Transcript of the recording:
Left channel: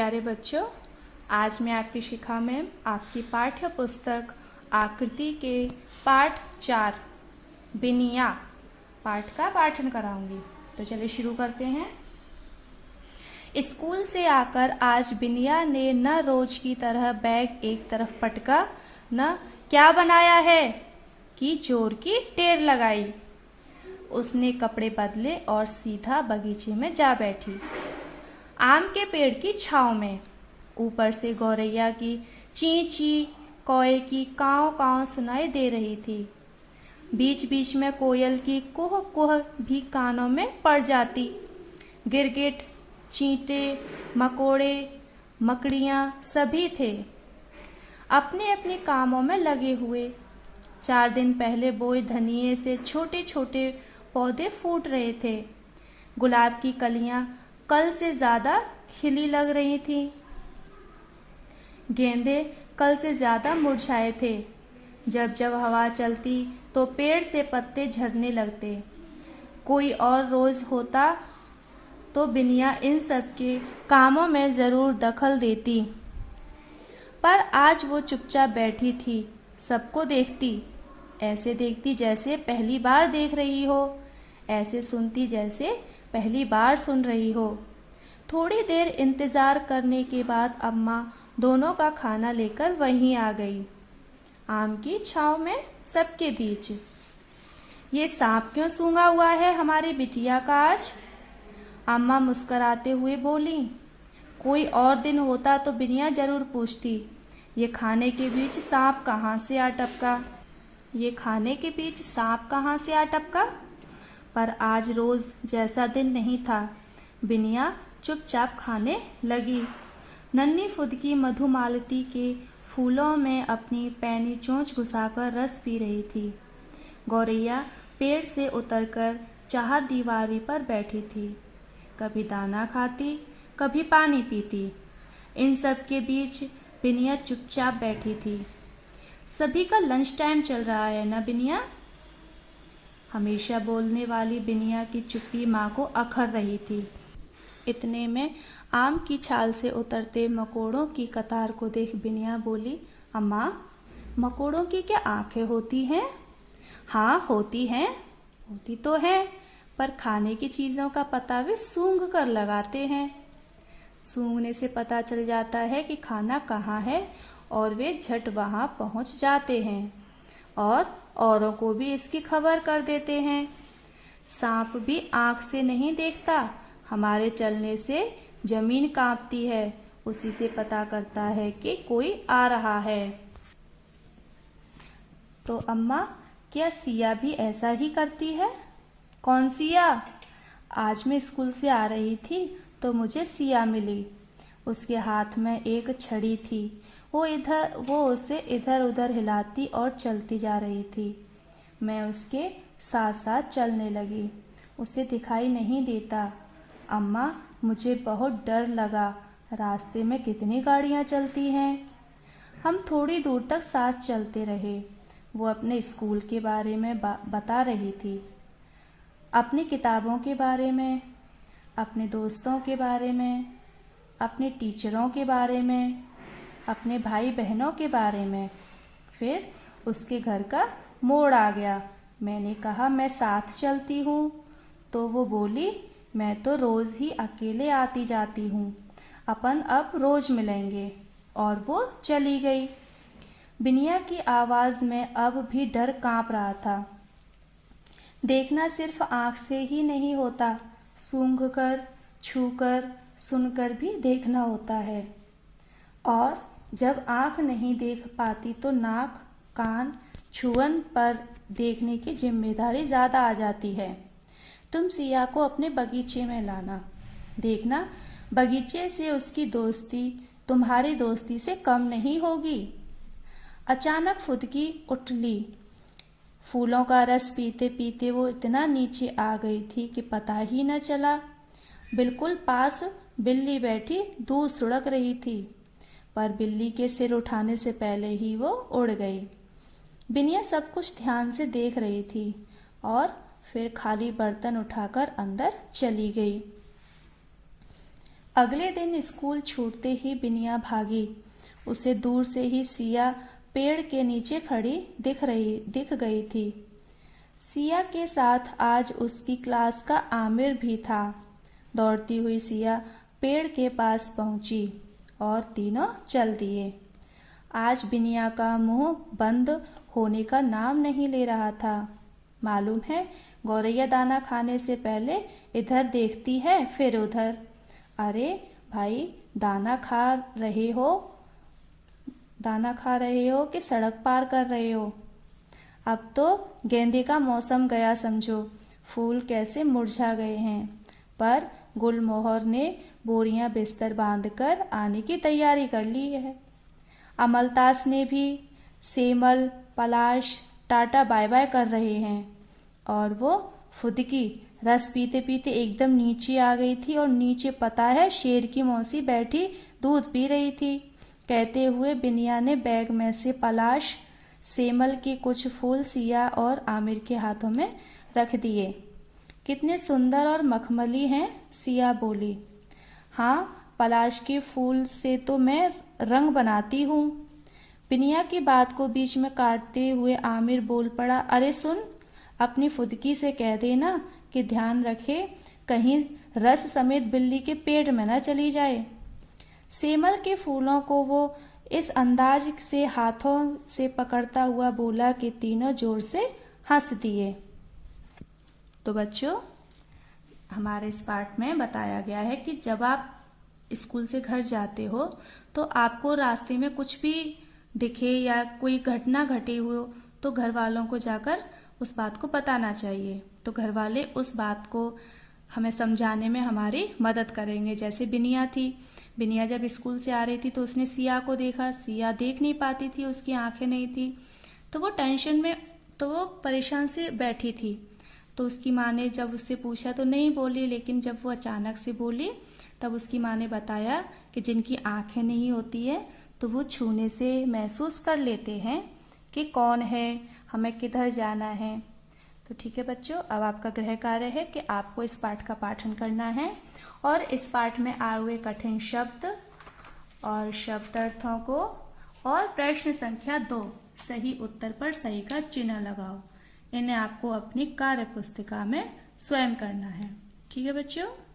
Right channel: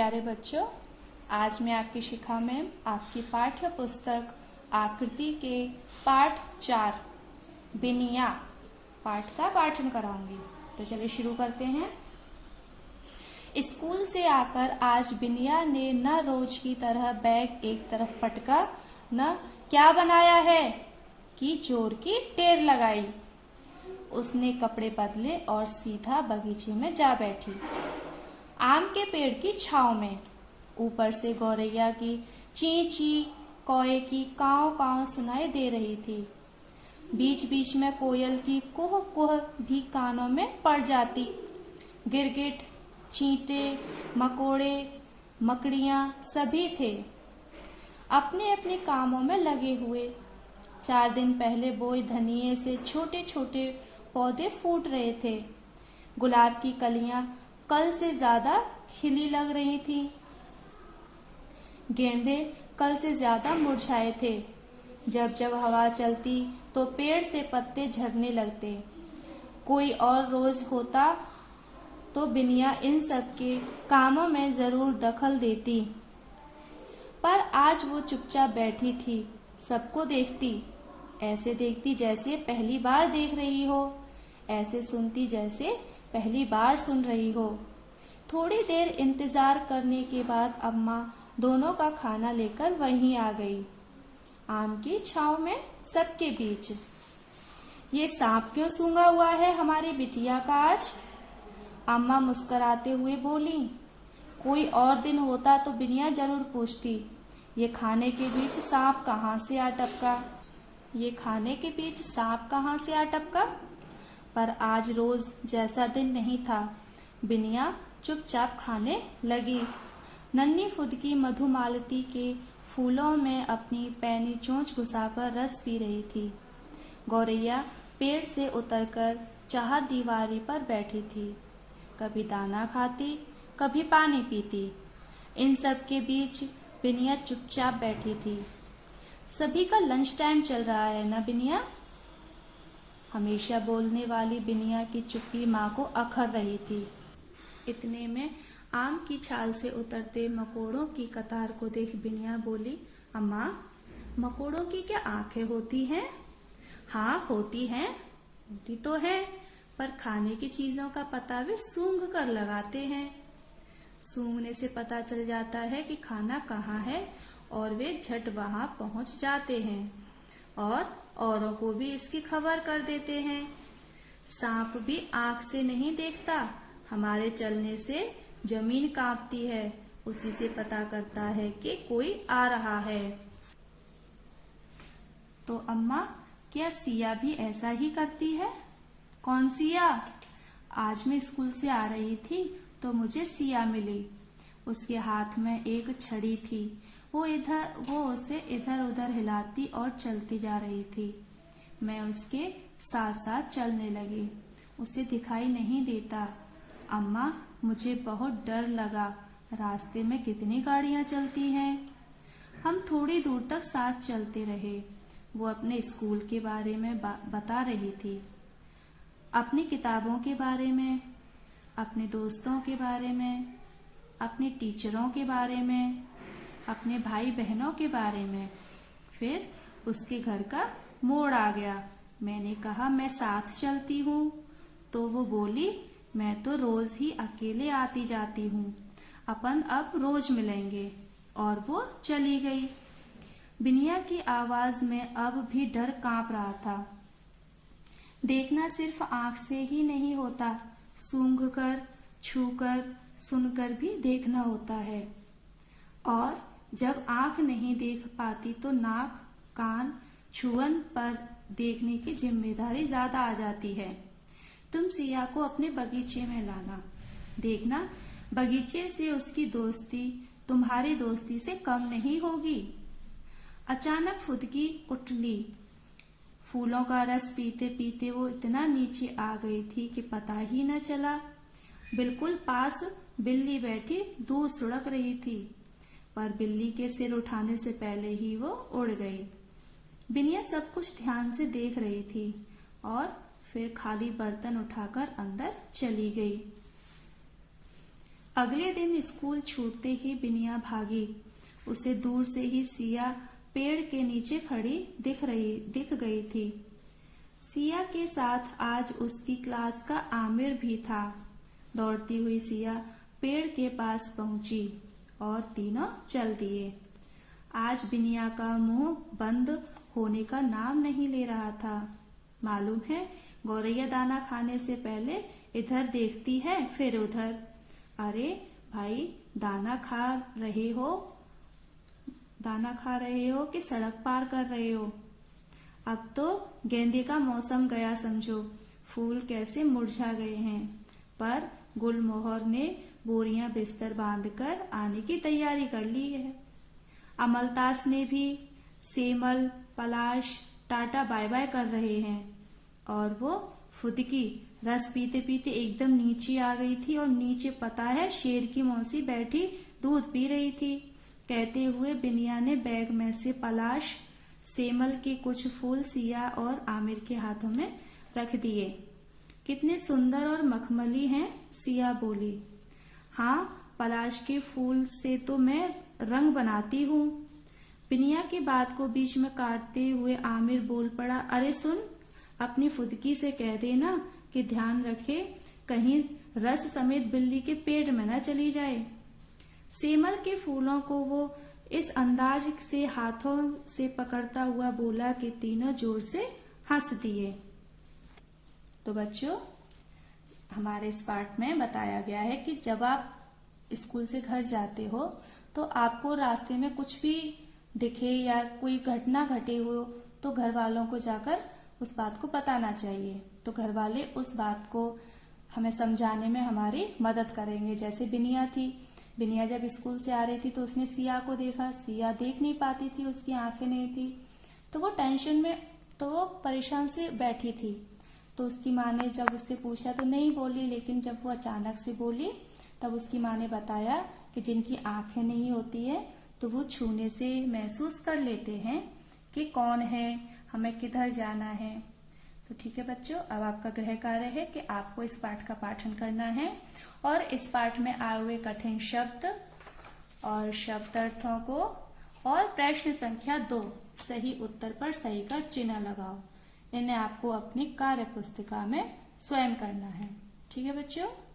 प्यारे बच्चों, आज मैं आपकी शिखा में आपकी पाठ्य पुस्तक आकृति के पाठ 4 बिनिया पाठ का पाठन कराऊंगी। तो चलिए शुरू करते हैं। स्कूल से आकर आज बिनिया ने न रोज की तरह बैग एक तरफ पटका, न क्या बनाया है कि जोर की टेर लगाई। उसने कपड़े बदले और सीधा बगीचे में जा बैठी, आम के पेड़ की छांव में। ऊपर से गौरैया की ची ची, कौए की काव काव सुनाई दे रही थी। बीच बीच में कोयल की कुह कुह भी कानों में पड़ जाती। गिरगिट, चींटे, मकोड़े, मकड़ियां सभी थे अपने अपने कामों में लगे हुए। 4 दिन पहले बोए धनिये से छोटे छोटे पौधे फूट रहे थे। गुलाब की कलियां कल से ज्यादा खिली लग रही थी। गेंदे कल से ज्यादा मुरझाए थे। जब जब हवा चलती तो पेड़ से पत्ते झड़ने लगते। कोई और रोज होता तो बिनिया इन सब के कामों में जरूर दखल देती, पर आज वो चुपचाप बैठी थी, सबको देखती। ऐसे देखती जैसे पहली बार देख रही हो, ऐसे सुनती जैसे पहली बार सुन रही हो। थोड़ी देर इंतजार करने के बाद अम्मा दोनों का खाना लेकर वहीं आ गई, आम की छांव में सबके बीच। ये सांप क्यों सूंघा हुआ है हमारी बिटिया का आज? अम्मा मुस्कुराते हुए बोली। कोई और दिन होता तो बिनिया जरूर पूछती, ये खाने के बीच सांप कहाँ से आ टपका, ये खाने के बीच सांप कहाँ से आ टपका। पर आज रोज जैसा दिन नहीं था। बिनिया चुपचाप खाने लगी। नन्ही फुदकी मधुमालती के फूलों में अपनी पैनी चोंच घुसाकर रस पी रही थी। गौरैया पेड़ से उतरकर चार दीवारी पर बैठी थी, कभी दाना खाती, कभी पानी पीती। इन सब के बीच बिनिया चुपचाप बैठी थी। सभी का लंच टाइम चल रहा है ना बिनिया? हमेशा बोलने वाली बिनिया की चुप्पी माँ को अखर रही थी। इतने में आम की छाल से उतरते मकोड़ों की कतार को देख बिनिया बोली, अम्मा, मकोड़ों की क्या आंखें होती हैं? हाँ होती हैं, होती तो है, पर खाने की चीजों का पता वे सूंघ कर लगाते हैं। सूंघने से पता चल जाता है कि खाना कहाँ है और वे झट वहां पहुंच जाते हैं और औरों को भी इसकी खबर कर देते हैं। सांप भी आंख से नहीं देखता, हमारे चलने से जमीन कांपती है, उसी से पता करता है कि कोई आ रहा है। तो अम्मा, क्या सिया भी ऐसा ही करती है? कौन सिया? आज मैं स्कूल से आ रही थी तो मुझे सिया मिली। उसके हाथ में एक छड़ी थी। वो उसे इधर उधर हिलाती और चलती जा रही थी। मैं उसके साथ साथ चलने लगी। उसे दिखाई नहीं देता। अम्मा, मुझे बहुत डर लगा। रास्ते में कितनी गाड़ियां चलती हैं। हम थोड़ी दूर तक साथ चलते रहे। वो अपने स्कूल के बारे में बता रही थी, अपनी किताबों के बारे में, अपने दोस्तों के बारे में, अपने टीचरों के बारे में, अपने भाई बहनों के बारे में। फिर उसके घर का मोड़ आ गया। मैंने कहा मैं साथ चलती हूँ, तो वो बोली मैं तो रोज ही अकेले आती जाती हूँ, अपन अब रोज मिलेंगे। और वो चली गई। बिनिया की आवाज में अब भी डर कांप रहा था। देखना सिर्फ आंख से ही नहीं होता, सूंघकर, छूकर, सुनकर भी देखना होता है। और जब आंख नहीं देख पाती तो नाक, कान, छुअन पर देखने की जिम्मेदारी ज्यादा आ जाती है। तुम सिया को अपने बगीचे में लाना, देखना बगीचे से उसकी दोस्ती तुम्हारी दोस्ती से कम नहीं होगी। अचानक फुदकी उठ ली। फूलों का रस पीते पीते वो इतना नीचे आ गई थी कि पता ही न चला। बिल्कुल पास बिल्ली बैठी दूध सुड़क रही थी, पर बिल्ली के सिर उठाने से पहले ही वो उड़ गई। बिनिया सब कुछ ध्यान से देख रही थी और फिर खाली बर्तन उठाकर अंदर चली गई। अगले दिन स्कूल छूटते ही बिनिया भागी। उसे दूर से ही सिया पेड़ के नीचे खड़ी दिख गई थी। सिया के साथ आज उसकी क्लास का आमिर भी था। दौड़ती हुई सिया पेड़ के पास पहुंची और तीनों चल दिए। आज बिनिया का मुंह बंद होने का नाम नहीं ले रहा था। मालूम है, गौरैया दाना खाने से पहले इधर देखती है फिर उधर। अरे भाई, दाना खा रहे हो कि सड़क पार कर रहे हो? अब तो गेंदे का मौसम गया समझो। फूल कैसे मुरझा गए हैं। पर गुलमोहर ने बोरियां बिस्तर बांधकर आने की तैयारी कर ली है। अमलतास ने भी। सेमल, पलाश टाटा बाय बाय कर रहे हैं। और वो फुदकी रस पीते पीते एकदम नीचे आ गई थी और नीचे पता है शेर की मौसी बैठी दूध पी रही थी। कहते हुए बिनिया ने बैग में से पलाश, सेमल के कुछ फूल सिया और आमिर के हाथों में रख दिए। कितने सुंदर और मखमली हैं, सिया बोली। हाँ, पलाश के फूल से तो मैं रंग बनाती हूँ। बिनिया की बात को बीच में काटते हुए आमिर बोल पड़ा, अरे सुन, अपनी फुदकी से कह देना कि ध्यान रखे कहीं रस समेत बिल्ली के पेट में न चली जाए। सेमल के फूलों को वो इस अंदाज से हाथों से पकड़ता हुआ बोला कि तीनों जोर से हंस दिए। तो बच्चों, हमारे इस पाठ में बताया गया है कि जब आप स्कूल से घर जाते हो तो आपको रास्ते में कुछ भी दिखे या कोई घटना घटी हो तो घर वालों को जाकर उस बात को बताना चाहिए। तो घर वाले उस बात को हमें समझाने में हमारी मदद करेंगे। जैसे बिनिया थी, बिनिया जब स्कूल से आ रही थी तो उसने सिया को देखा। सिया देख नहीं पाती थी, उसकी आंखें नहीं थी, तो वो टेंशन में, तो वो परेशान से बैठी थी। तो उसकी माँ ने जब उससे पूछा तो नहीं बोली, लेकिन जब वो अचानक से बोली तब उसकी माँ ने बताया कि जिनकी आंखें नहीं होती है तो वो छूने से महसूस कर लेते हैं कि कौन है, हमें किधर जाना है। तो ठीक है बच्चों, अब आपका गृह कार्य है कि आपको इस पाठ का पाठन करना है और इस पाठ में आए हुए कठिन शब्द और शब्दार्थों को और प्रश्न संख्या 2 सही उत्तर पर सही का चिन्ह लगाओ। इन्हें आपको अपनी कार्य पुस्तिका में स्वयं करना है। ठीक है बच्चों।